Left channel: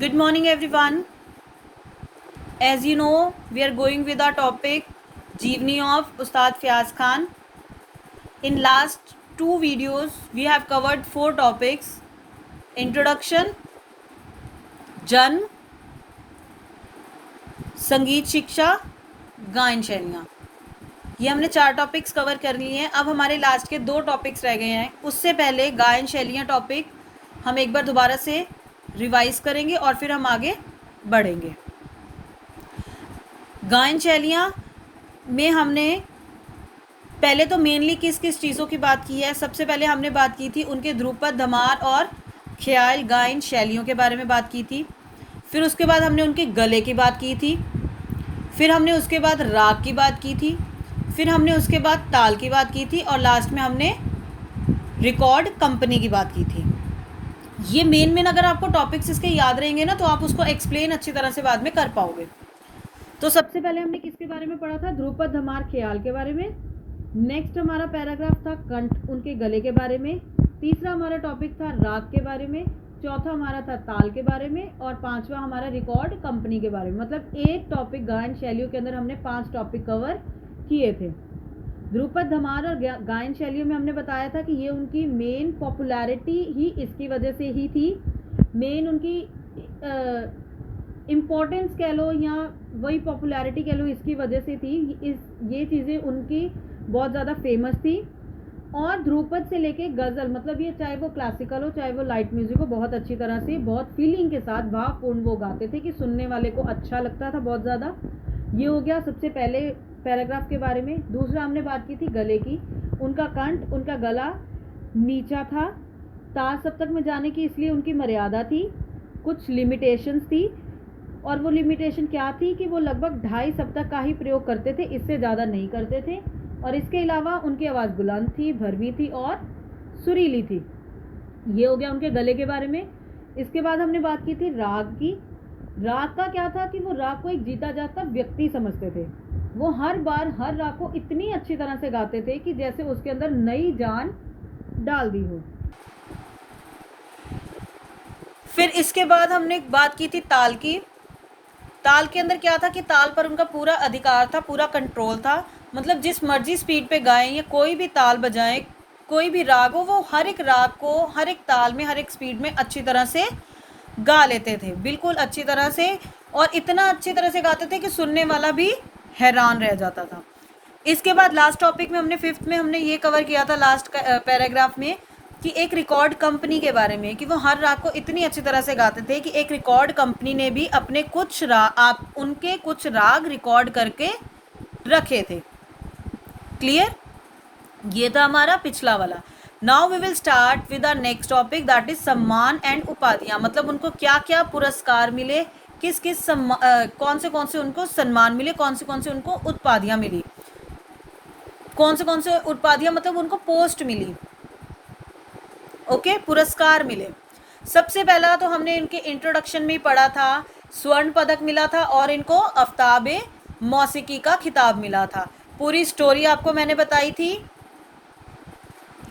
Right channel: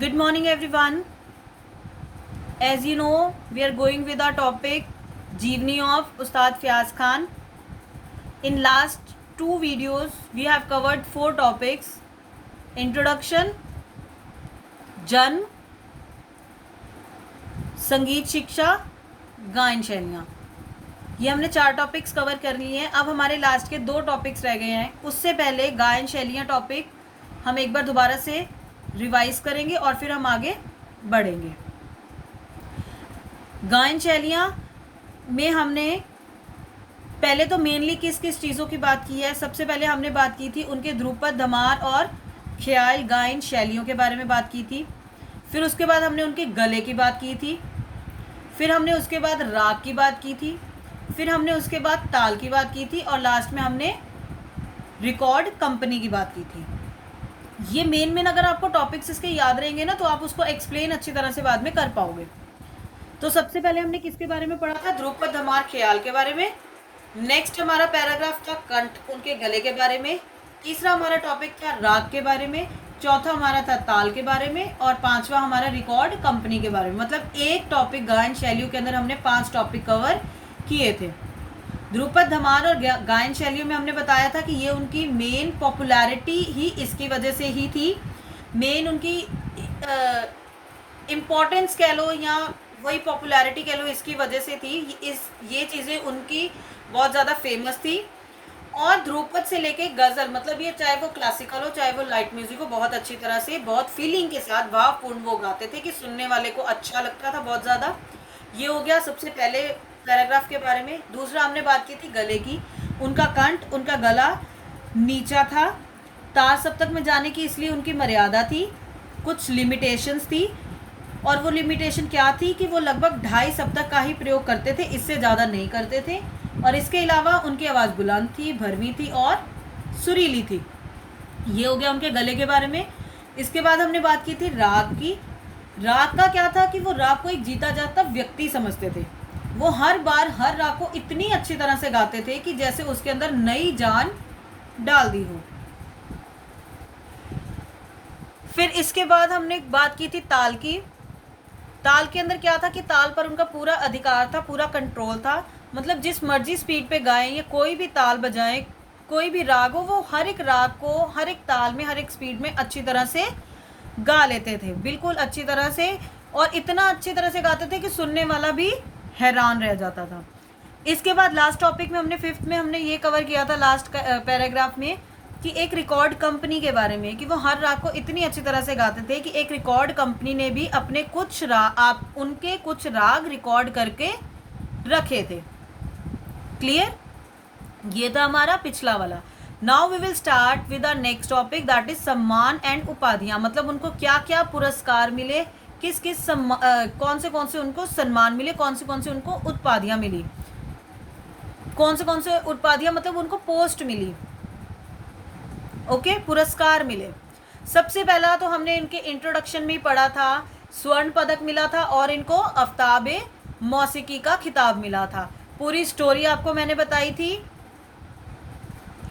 Good morning, everyone. As you know, we are going with our topic Jeevani of Ustad Fiaz Khan. In last two videos, we have covered four topics: introduction, जन्म, संगीत शिक्षा, गायन शैलियाँ. ये हमने 4 topics cover कर लिए हैं. अब हमारे लास्ट के 2 टॉपिक्स रह गए हैं. उससे पहले गायन शैलियाँ टॉपिक हम एक बार दोबारा से रिवाइज करेंगे और फिर हम आगे बढ़ेंगे. गायन शैलियाँ में हमने पहले तो मेनली किस किस चीज़ों की बात की है. सबसे पहले हमने बात की थी उनके ध्रुपद, धमार और ख्याल गायन शैलियों के बारे में बात की थी. फिर उसके बाद हमने उनके गले की बात की थी. फिर हमने उसके बाद राग की बात की थी. फिर हमने उसके बाद ताल की बात की थी और लास्ट में हमने रिकॉर्ड कंपनी की बात की थी. ये मेन अगर आपको टॉपिक्स इसके याद रहेंगे ना तो आप उसको एक्सप्लेन अच्छी तरह से बाद में कर पाओगे. तो सबसे पहले हमने किसके बारे में पढ़ा था? ध्रुपद, धमार, ख्याल के बारे में. नेक्स्ट हमारा पैराग्राफ था कंठ, उनके गले के बारे में. तीसरा हमारा टॉपिक था राग के बारे में. चौथा हमारा था ताल के बारे में. और पांचवा हमारा रिकॉर्ड कंपनी के बारे में. मतलब एक टॉपिक गायन शैलियों के अंदर हमने 5 टॉपिक कवर किए थे. ध्रुपद, धमार और गायन शैलियों में हमने बताया था कि ये उनकी मेन पॉपुलैरिटी ही इसकी वजह से ही थी. मेन उनकी इम्पोर्टेंस कह लो या वही पॉपुलैरिटी कह लो, इसकी वजह से थी. ये चीज़ें उनकी बहुत ज़्यादा फेमस थी. और ध्रुपद से लेके गज़ल, मतलब ये चाहे वो क्लासिकल हो चाहे वो लाइट म्यूजिक हो, बहुत अच्छी तरह से बहुत फीलिंग के साथ भावपूर्ण वो गाते थे कि सुनने वाले को अच्छा लगता था बहुत ज़्यादा. ये हो गया सबसे पहले पैराग्राफ के बारे में. दूसरा हमने बात की थी गले की. उनका कंठ, उनका गला नीचा था. तार सप्तक में जाने की इसलिए उनकी मर्यादा थी, कुछ लिमिटेशंस थी. और वो लिमिटेशन क्या थी कि वो लगभग 2.5 सप्तक का ही प्रयोग करते थे, इससे ज़्यादा नहीं करते थे. और इसके अलावा उनकी आवाज़ बुलंद थी, भरवी थी और सुरीली थी. ये हो गया उनके गले के बारे में. इसके बाद हमने बात की थी राग की. राग का क्या था कि वो राग को एक जीता जाता व्यक्ति समझते थे. वो हर बार हर राग को इतनी अच्छी तरह से गाते थे कि जैसे उसके अंदर नई जान डाल दी हो. फिर इसके बाद हमने बात की थी ताल की. ताल के अंदर क्या था कि ताल पर उनका पूरा अधिकार था, पूरा कंट्रोल था. मतलब जिस मर्जी स्पीड पे गाएं या कोई भी ताल बजाएं, कोई भी राग हो, वो हर एक राग को हर एक ताल में हर एक स्पीड में अच्छी तरह से गा लेते थे, बिल्कुल अच्छी तरह से. और इतना अच्छी तरह से गाते थे कि सुनने वाला भी हैरान रह जाता था. इसके बाद लास्ट टॉपिक में हमने 5th में हमने ये कवर किया था लास्ट पैराग्राफ में कि एक रिकॉर्ड कंपनी के बारे में, कि वो हर राग को इतनी अच्छी तरह से गाते थे कि एक रिकॉर्ड कंपनी ने भी अपने कुछ उनके कुछ राग रिकॉर्ड करके रखे थे. क्लियर? ये था हमारा पिछला वाला. Now we will start with our next topic, that is सम्मान एंड उपाधियां. मतलब उनको क्या क्या पुरस्कार मिले, किस किस कौन से उनको सम्मान मिले, कौन से उनको उपाधियां मिली, कौन से उपाधियां मतलब उनको पोस्ट मिली. ओके, पुरस्कार मिले. सबसे पहला तो हमने इनके इंट्रोडक्शन में ही पढ़ा था, स्वर्ण पदक मिला था और इनको आफ्ताबे मौसीकी का खिताब मिला था. पूरी स्टोरी आपको मैंने बताई थी.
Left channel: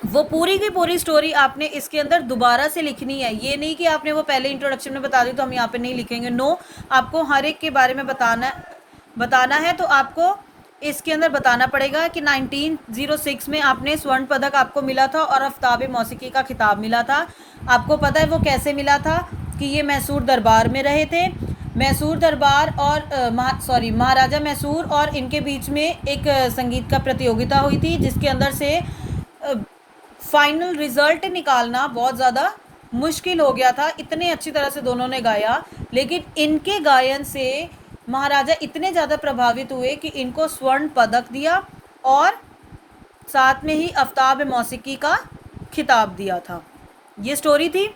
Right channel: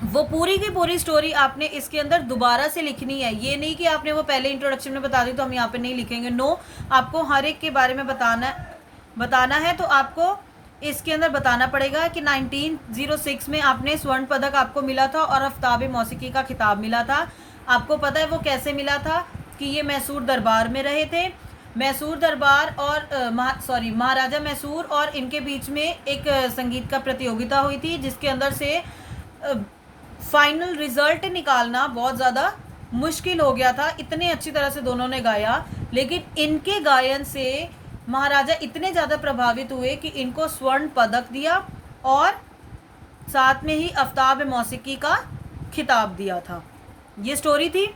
वो पूरी की पूरी स्टोरी आपने इसके अंदर दोबारा से लिखनी है. ये नहीं कि आपने वो पहले इंट्रोडक्शन में बता दी तो हम यहाँ पे नहीं लिखेंगे. नो, आपको हर एक के बारे में बताना है. तो आपको इसके अंदर बताना पड़ेगा कि 1906 में आपने स्वर्ण पदक आपको मिला था और आफ्ताबे मौसीकी का खिताब मिला था. आपको पता है वो कैसे मिला था? कि ये मैसूर दरबार में रहे थे. मैसूर दरबार और महाराजा मैसूर और इनके बीच में एक संगीत का प्रतियोगिता हुई थी, जिसके अंदर से फाइनल रिजल्ट निकालना बहुत ज़्यादा मुश्किल हो गया था. इतने अच्छी तरह से दोनों ने गाया, लेकिन इनके गायन से महाराजा इतने ज़्यादा प्रभावित हुए कि इनको स्वर्ण पदक दिया और साथ में ही आफ्ताब मौसीकी का खिताब दिया था. ये स्टोरी थी.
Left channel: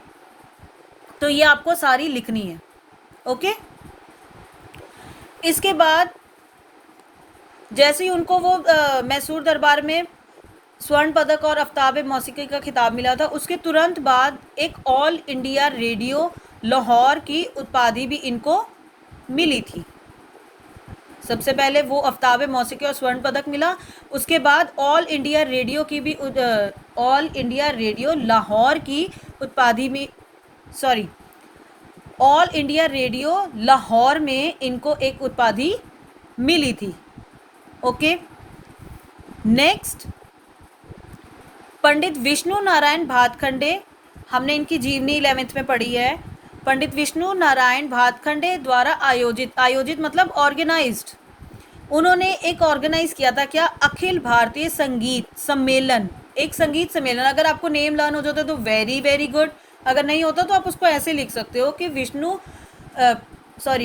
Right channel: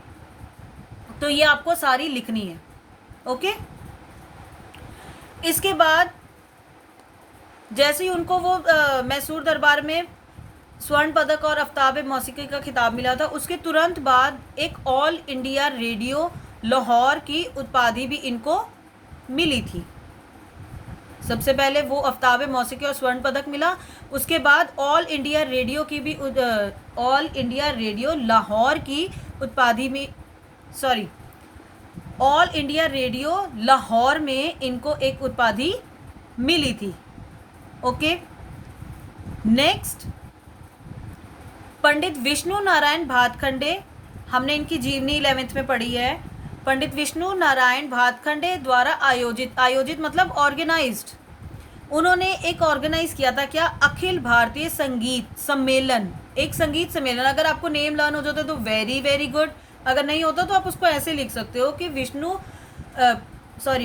तो ये आपको सारी लिखनी है. ओके. इसके बाद जैसे ही उनको वो मैसूर दरबार में स्वर्ण पदक और आफ्ताब मौसीकी का खिताब मिला था, उसके तुरंत बाद एक ऑल इंडिया रेडियो लाहौर की उपाधि भी इनको मिली थी. सबसे पहले वो आफ्ताब मौसीकी और स्वर्ण पदक मिला. उसके बाद ऑल इंडिया रेडियो की भी ऑल इंडिया रेडियो लाहौर की उपाधि में ऑल इंडिया रेडियो लाहौर में इनको एक उपाधि मिली थी। ओके, नेक्स्ट पंडित विष्णु नारायण भातखंडे, हमने इनकी जीवनी 11th में पढ़ी है। पंडित विष्णु नारायण भातखंडे द्वारा आयोजित मतलब ऑर्गेनाइज्ड, उन्होंने एक ऑर्गेनाइज किया था क्या, अखिल भारतीय संगीत सम्मेलन। एक संगीत सम्मेलन, अगर आपको नेम लर्न हो जाता तो वेरी वेरी गुड, अगर नहीं होता तो आप उसको ऐसे लिख सकते हो कि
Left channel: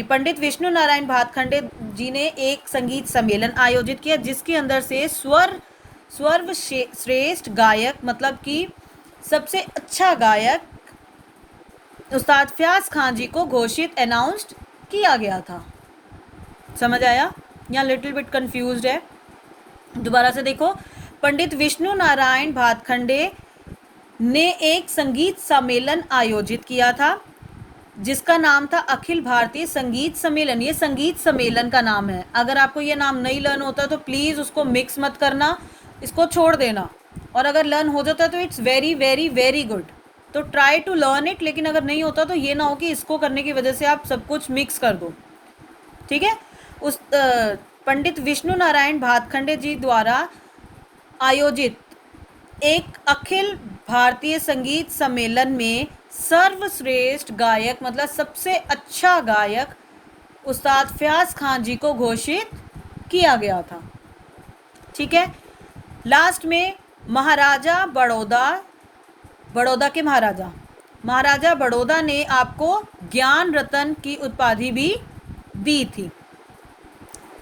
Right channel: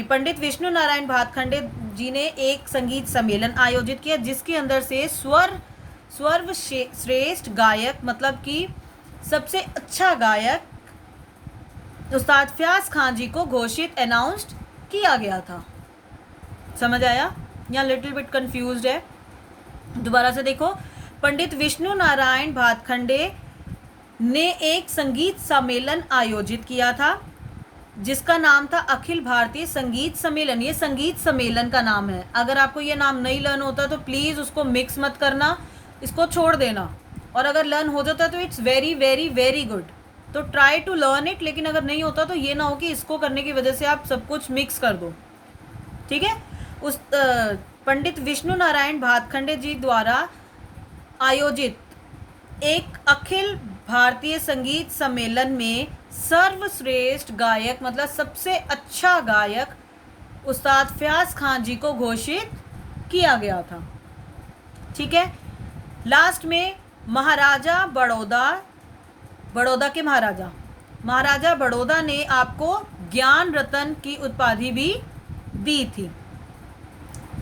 पंडित विष्णु नारायण भातखंडे जी ने एक संगीत सम्मेलन आयोजित किया जिसके अंदर से सर्वश्रेष्ठ गायक मतलब कि सबसे अच्छा गायक उस्ताद फयाज खान जी को घोषित अनाउंस्ड किया गया था। समझ आया? यहाँ लिटिल बिट कंफ्यूज्ड है, दोबारा से देखो। पंडित विष्णु नारायण भातखंडे ने एक संगीत सम्मेलन आयोजित किया था जिसका नाम था अखिल भारतीय संगीत सम्मेलन। ये संगीत सम्मेलन का नाम है। अगर आपको ये नाम नहीं लर्न होता तो प्लीज़ उसको मिक्स मत करना, इसको छोड़ देना, और अगर लर्न हो जाता तो it's very very very good, तो ट्राई टू लर्न इट। लेकिन अगर नहीं होता तो ये ना हो कि इसको करने की वजह से आप सब कुछ मिक्स कर दो, ठीक है। उस पंडित विष्णु नारायण भातखंडे जी द्वारा आयोजित एक अखिल भारतीय संगीत सम्मेलन में सर्वश्रेष्ठ गायक मतलब सबसे अच्छा गायक उस्ताद फयाज खान जी को घोषित किया गया था, ठीक है। लास्ट में महाराजा बड़ौदा के महाराजा बड़ौदा ने आपको ज्ञान रत्न की उपाधि भी दी थी।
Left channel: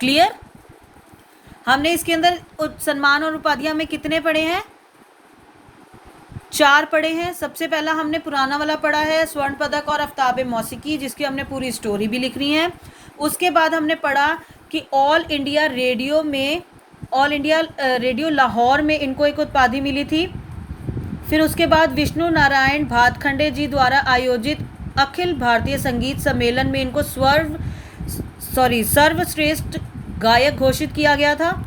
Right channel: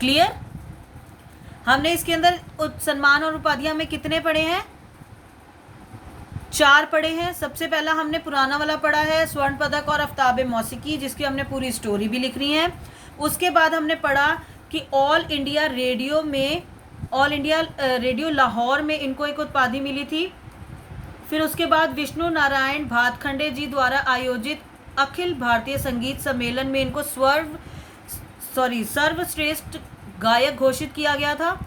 क्लियर? हमने इसके अंदर सम्मान और उपाधियां में कितने पढ़े हैं? 4 पढ़े हैं। सबसे पहला हमने पुराना वाला पढ़ा है, स्वर्ण पदक और आफ्ताब मौसीकी, जिसकी हमने पूरी स्टोरी भी लिखनी है। उसके बाद हमने पढ़ा कि ऑल इंडिया रेडियो लाहौर में इनको एक उपाधि मिली थी। फिर उसके बाद विष्णु नारायण भातखंडे जी द्वारा आयोजित अखिल भारतीय संगीत सम्मेलन में इनको सर्वश्रेष्ठ गायक घोषित किया गया था।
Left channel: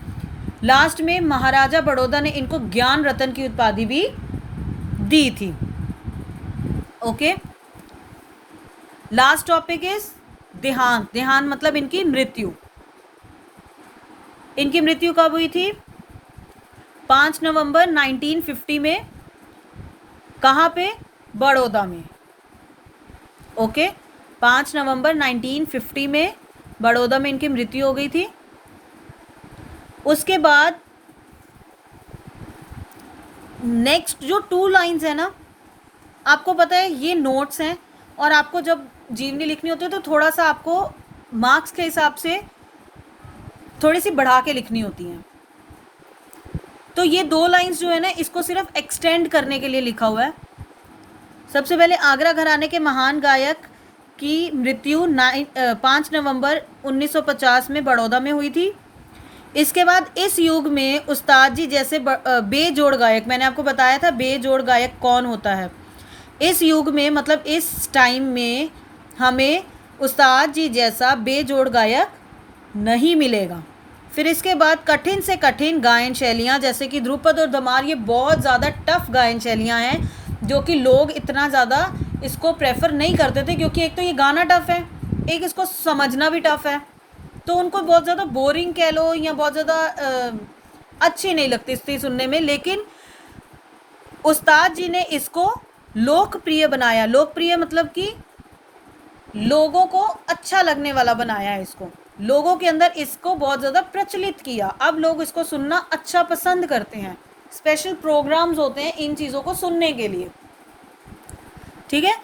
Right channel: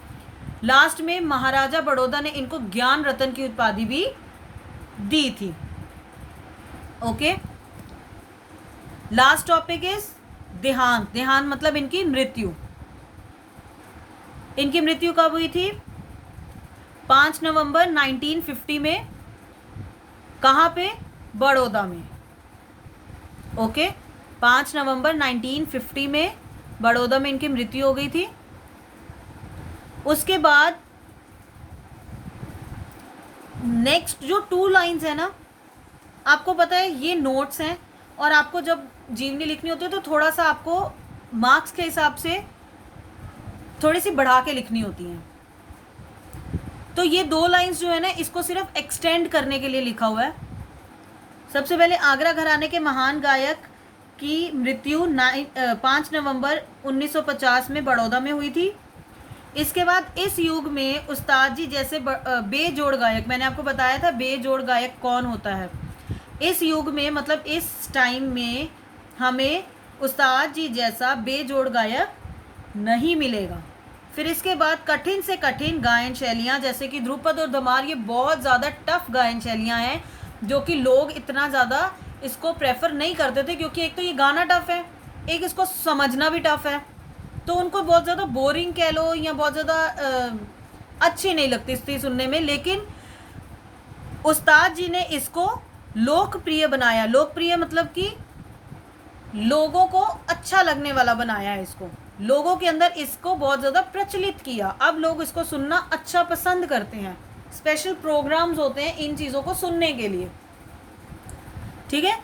लास्ट में महाराजा बड़ौदा ने इनको ज्ञान रत्न की उपाधि भी दी थी। ओके, लास्ट टॉपिक इज देहांत। देहांत मतलब इनकी मृत्यु। इनकी मृत्यु कब हुई थी? 5 नवंबर 1950 में। कहाँ पे? बड़ौदा में। ओके, 5 नवंबर 1950 में बड़ौदा में इनकी मृत्यु हो गई थी। उसके बाद नेक्स्ट जो 2 लाइंस है ना, आपको पता है ये नोट्स हैं, और आपको जब जीवनी लिखनी होती है तो थोड़ा सा आपको मार्क्स के हिसाब से थोड़ी सी बढ़ा के लिखनी होती हैं। तो ये 2 लाइंस जो है ना, इसको सिर्फ एक्सटेंड करने के लिए लिखा हुआ है। सबसे पहले आगरा घराने के महान गायक की मृत्यु 5 नवंबर 1950 में बड़ौदा में हुई थी। इसके बाद इस युग में उस्ताद जी जैसे बेजोड़ गायक, मैंने आपको बताया था बेजोड़ गायक कौन होता है। इस युग में मतलब इस टाइम में हमें उस्ताद जी जैसा बेजोड़ गायक नहीं मिलेगा। फिर इसके बाद कठिन से कठिन गायन शैलियाँ जैसे कि ध्रुपद और धमार, ये बहुत ज़्यादा टफ गायन शैलियाँ हैं जो कि लोग इतना ज़्यादा इसको प्रेफर नहीं करते थे, क्योंकि एक तो ये गाना टफ है, एक इसको समझना भी टफ है, तो उनको बहुत ज़्यादा बोरिंग कह लो या बहुत ज़्यादा अच्छी नहीं लगती थी सुनने में। लेकिन उस्ताद जी ने इसको लोकप्रिय बनाया। लोकप्रिय मतलब कि लोगों को अच्छा लगने वाला बनाया है, इसको लोगों के अंदर इसको बहुत ज़्यादा प्रचलित किया। अब लोग इसको सुनना अच्छा पसंद करते हैं, स्पेशल प्रोग्राम्स होते हैं इन चीज़ों को सुनने के लिए, ठीक है।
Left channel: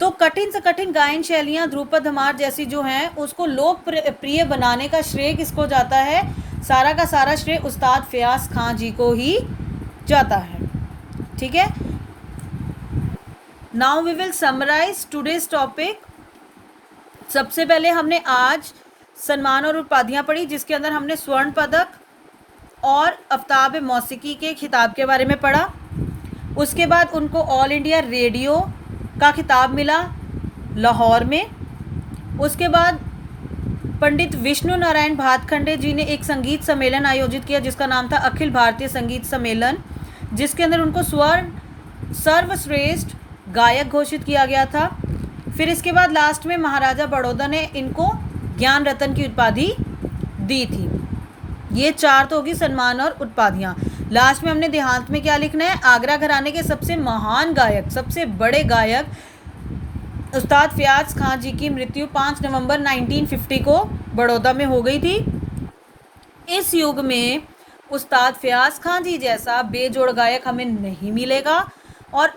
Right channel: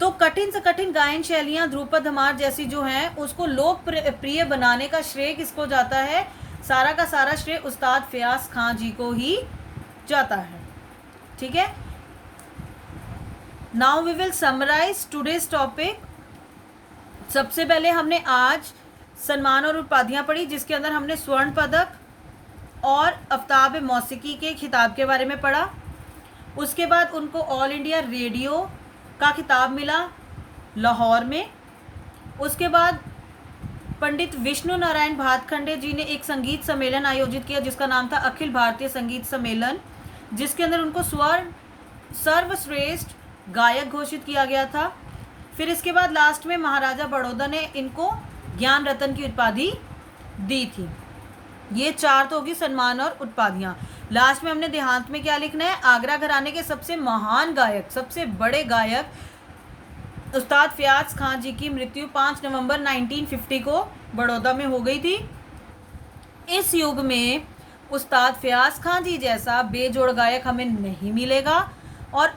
तो कठिन से कठिन गायन शैलियाँ ध्रुपद धमार जैसी जो हैं उसको लोकप्रिय बनाने का श्रेय किसको जाता है? सारा का सारा श्रेय उस्ताद फयाज खान जी को ही जाता है, ठीक है। Now we will summarise today's topic. सबसे पहले हमने आज सम्मान और उपाधियाँ पढ़ी, जिसके अंदर हमने स्वर्ण पदक और आफ्ताब मौसीकी के खिताब के बारे में पढ़ा। उसके बाद उनको ऑल इंडिया रेडियो का खिताब मिला लाहौर में। उसके बाद पंडित विष्णु नारायण भातखंडे जी ने एक संगीत सम्मेलन आयोजित किया जिसका नाम था अखिल भारतीय संगीत सम्मेलन, जिसके अंदर उनको सर्वश्रेष्ठ गायक घोषित किया गया था। फिर इसके बाद लास्ट में महाराजा बड़ौदा ने इनको ज्ञान रत्न की उपाधि दी थी। ये 4 तो होगी सम्मान और उपाधियाँ। लास्ट में हमने देहांत में क्या लिखना है, आगरा घराने के सबसे महान गायक, सबसे बड़े गायक उस्ताद फयाज खान जी की मृत्यु 5 नवंबर 1950 को बड़ौदा में हो गई थी। इस युग में उस्ताद फयाज खान जी जैसा बेजोड़ गायक हमें नहीं मिलेगा। और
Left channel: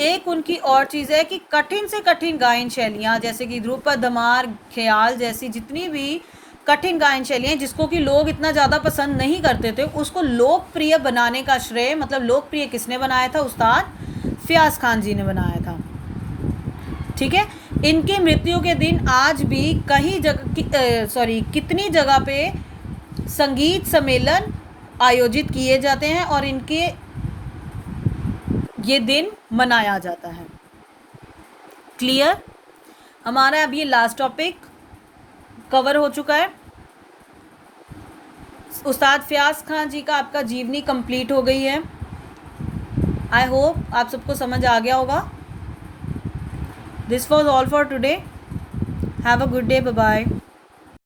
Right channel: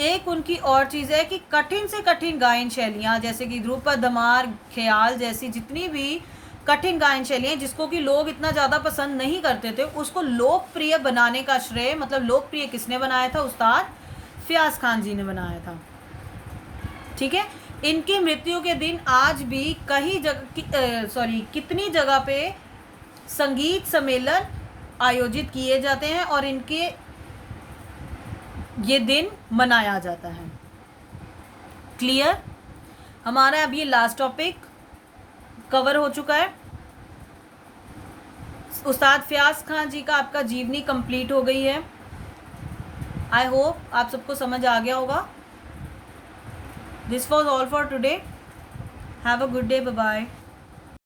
एक उनकी और चीज़ है कि कठिन से कठिन गायन शैलियाँ, जैसे कि ध्रुपद, धमार, ख्याल जैसी जितनी भी कठिन गायन शैलियाँ जिसको कि लोग इतना ज़्यादा पसंद नहीं करते थे, उसको लोकप्रिय बनाने का श्रेय, मतलब लोकप्रिय किसने बनाया था, उस्ताद फयाज खान जी ने बनाया था। ठीक है। इनकी मृत्यु के दिन आज भी कई कितनी जगह पे संगीत सम्मेलन आयोजित किए जाते हैं और इनके ये दिन मनाया जाता है। क्लियर? हमारा अब ये लास्ट टॉपिक कवर हो चुका है। उस्ताद फयाज खान जी का आपका जीवनी कंप्लीट हो गई है। आई होप आप सबको समझ आ गया होगा। This was all for today. Have a good day. Bye bye.